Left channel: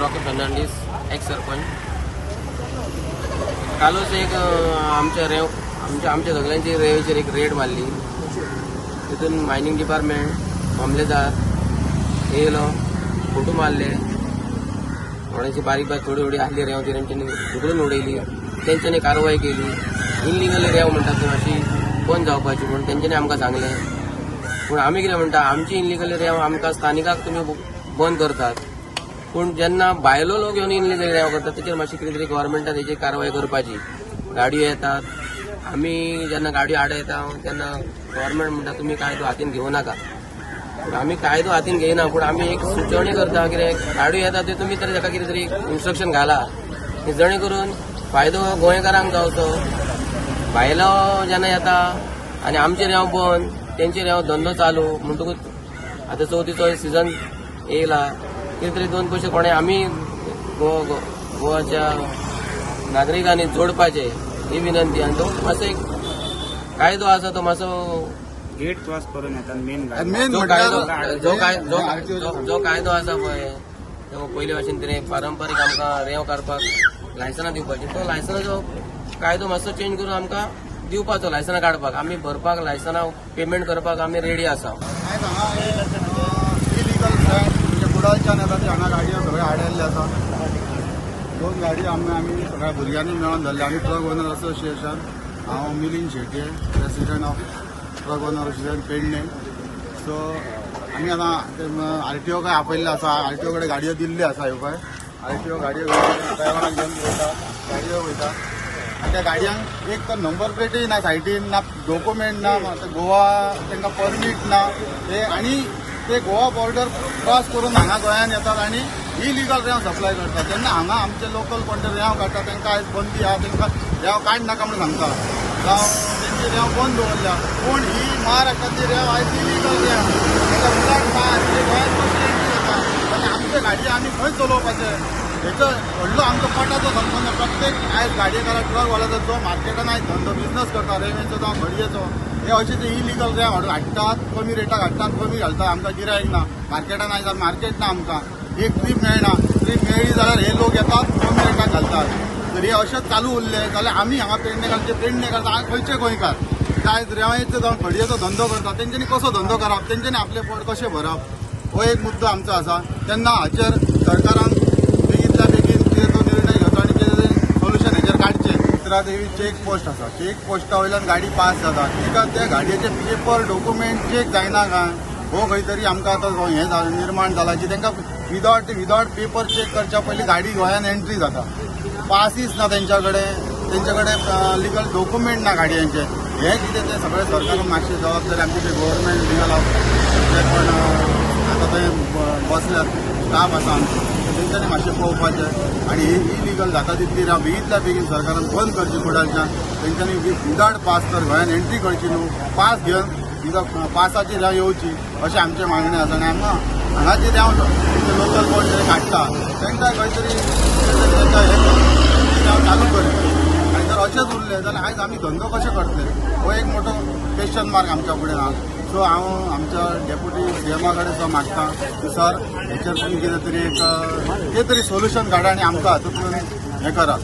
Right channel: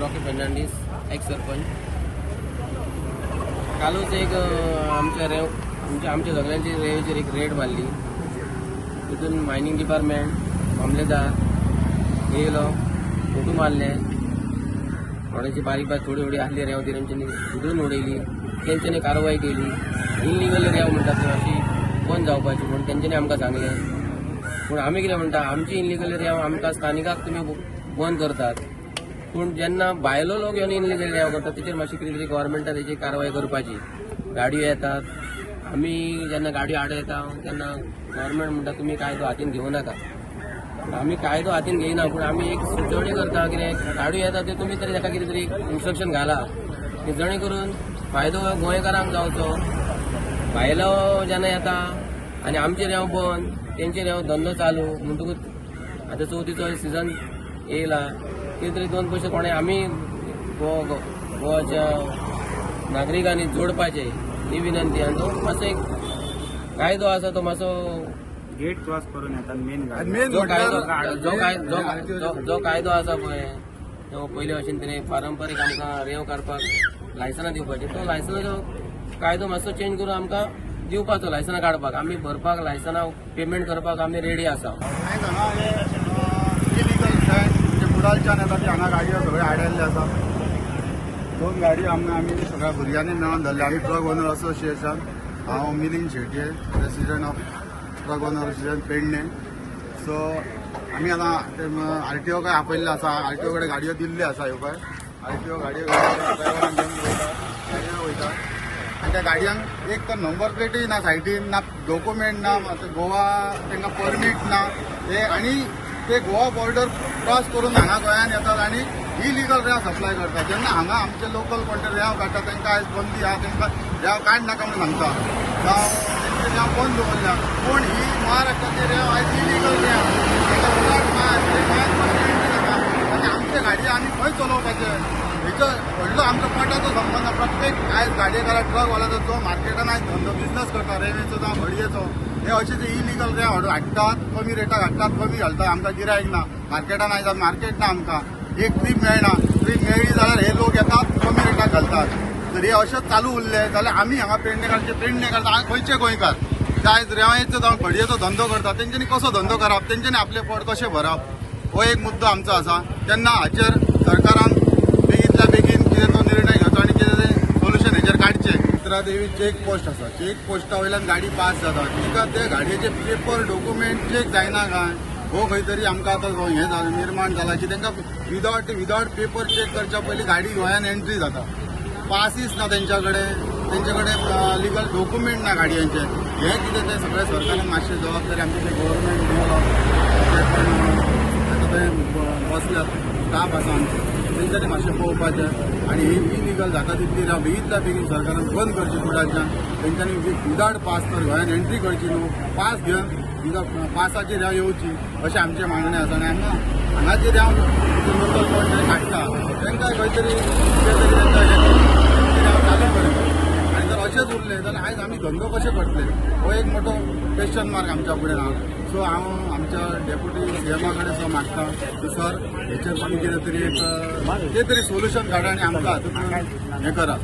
Rocky Fernandes x sarpanch. कालच एक आमच्या सगळ्यांची रेवेचेर एक रेड मारली. तितून मायनिंग डिपार्टमेंट मामलेदार येयलो, फोटो मारले. थोड्यांची बारीक थोडी आहली रेंव ती तेंच्यांनी झुकलून उडयली. तेंच्यांनी कारवाई केली. इनलिगल रेंव म्हणटात अशी बंद जावपाची म्हणून तेंच्यांनी आमकां सांगलें. पूण आमी कितें म्हणटा, आमची इनलिगल रेंव आमकां स्थानिकाक तुमी बंद करतात, पूण जेन्ना भायलो लोक येवन इनलिगल रेंव करतात तेचेर मातशी कितें तरी गव्हर्मेंटान तेचेर कारवाय करपाची. गाडयो येतात, आमी जेन्ना गाडयो आडयता तेन्ना गव्हर्मेंट म्हणटा तुमी कायदो हातीन घेवं नाका. पूण आमी कायदो हातीन घेयना, पूण आमी एक सुचोवणी करता कितें गाडयो येता त्यो तुमी तरी ताका कितें तरी इन्स्ट्रक्शन घाला, जेणे करून फायदो गोंयकारांक जावचो. भायलो जेन्ना येता आनी आमचे रेंव बंद, तेंचे रेंव धंदो चालू म्हणटकूच आतां चवथीचो सिजन येयला, कितें तरी दोन पयशे कोणें आमी गोवाच्या नागरिकांनी जोडपाचे ही विनंती. आनी तो मातसो एक कायदो आसा तो मातसो गेट क्रॉस करून येतात. जो कायदो आसा पळय तो पयले भाशेन तरी पारंपारीक आमकां रेंव काडपाक लायसनां दिवपाची, तो लायसनाचो कायदो मातसो चेंज करून आमकां दिवपाचो. लायसनां काडपाक आमी भरपाक लायसनां पेमेंट करपाक आमी रेडी आसा. आयज हांगा हे इलिगल म्हणजे कुडाळच्यान येता ती हांगा गाडयो सगळ्यो आडयल्ल्यो आसात. 2 गाडयो आमी सगळ्या भुरग्यांनी मेळोन धरल्या. आमी ट्रक ओनर असोसिएशन, हांव Milind Shetye, president of truck owner association Pedne. So आमी आतां आरटीओ काय आपयल्लो आसा, आरटीओ कडेन गाडयो दिल्ल्यो आसा. ह्यो पळय आरटीओ गाडयो ड्रायव्हरांक घेवन गाडयो वयता. आनी त्या गाडयांक एक तर नंबर प्लेटूय ना सायडीन, ना डॉक्युमेंट ना, गोवा तांकां परमीट ना. आनी ते गोवा बॉर्डर क्रॉस करून हांगा गोंयांत येतात आनी इलिगल रेंव सप्लाय करतात. तेन्ना हांगा आमचे लोकल कोण ते रेंव काडटा तांकां आयज बंदी आहा, तांकां रेंव काड नाका म्हणून सांगता. जावं तेंची रेंव बंद दवरल्या. पूण ही महाराष्ट्राची रेंव आयज इलिगल रेंव ताका उदक ना, हे गोंयांत परमिट जाता आनी आमचे गाडयो आमी खंय चलोवपाचे. हेचो व्हडलो आमचो पोटाचो संबंद. प्रत्येक आयज गाडयेकाराक ट्रकवाल्याचो जो मार्केटान आयज धंदो बिजनस करता रेल्वेचो जावं भडयेचो, हे अशें इलिगल रेंव हाडटात, कमी रेटाक हाडटात, कमी घालतात. आमकां गिरायक ना, मार्केटान आयज मार्केट ना. आमकां एक ट्रीप मेळना, ट्रीप मेळ्ळी जाल्यार हे लोक येतात कमी रेटाक घालतात. जर हे अशेंच चालू उरले जाल्यार आमी हांगा पेडणेकार हांगा खंयचे गोंयकार जे आयज रेंवाचो जावं भडयेचो धंदो करतात तेंच्यांनी कसो धंदो करप, तेंच्यांनी आपले पोट कशें भरप, हो एक मुद्दो आमचो आसा. तेन्ना हाचेर सरकारान बेगींतल्या बेगीन कितें तो निर्णय घेवचो आनी कितें सोल्युशन हेचेर काडचें. चित्रा देवी चेक पोस्ट आसा, चेक पोस्टा वयल्यान गाडी पास जाता, तिका त्या गाडयेचे पेपर डॉक्युमेंट चेक जायना काय, हो खंय तरी आमकां आतां हें जालें निर्माण जाला की तांकां विदावट पेपर चेक करच्या पयलीं गाडी गोंयांत एंट्री जाता. पासीस ना तेंच्या कडेन लिगल डॉक्युमेंट ना गाडयांचे. हे कितें तें सगळें सरकारान मातशें जबाबदारी आमचे जे गव्हर्मेंट लिगल जे कोण आतां थंय बसल्यात स्टाफ आसा आमचो तेंच्यांनी मातशें पळोवपाचें. आनी ही इलिगल जाता तितली रेंव बेगींतल्या बेगीन सरकारान बंद करची कुडाळच्यान. तेंच्यांनी विदावट पास तर गोंयांत एंट्री करची न्हू, पास घेवन पासाची रेंव येवची अशें आमचें मागणें आसा. आनी हांगाची रेंव लोकल कोण तरी काडटा तांकां खंय तरी हे करून रेंव चालू करी. आनी जर अशेंच उरलें जाल्यार आयज आमी धंदो कशे करतले, हो एक मोठो क्वेश्चन मार्क आमच्या फुडें आहा. सो हांव आमच्या डेप्युटी सीएमा कडेन मागता की सर हेचेर तुमी कितें तरी एक सोल्युशन काडा आनी आमकां हातूंतल्यान हें करा.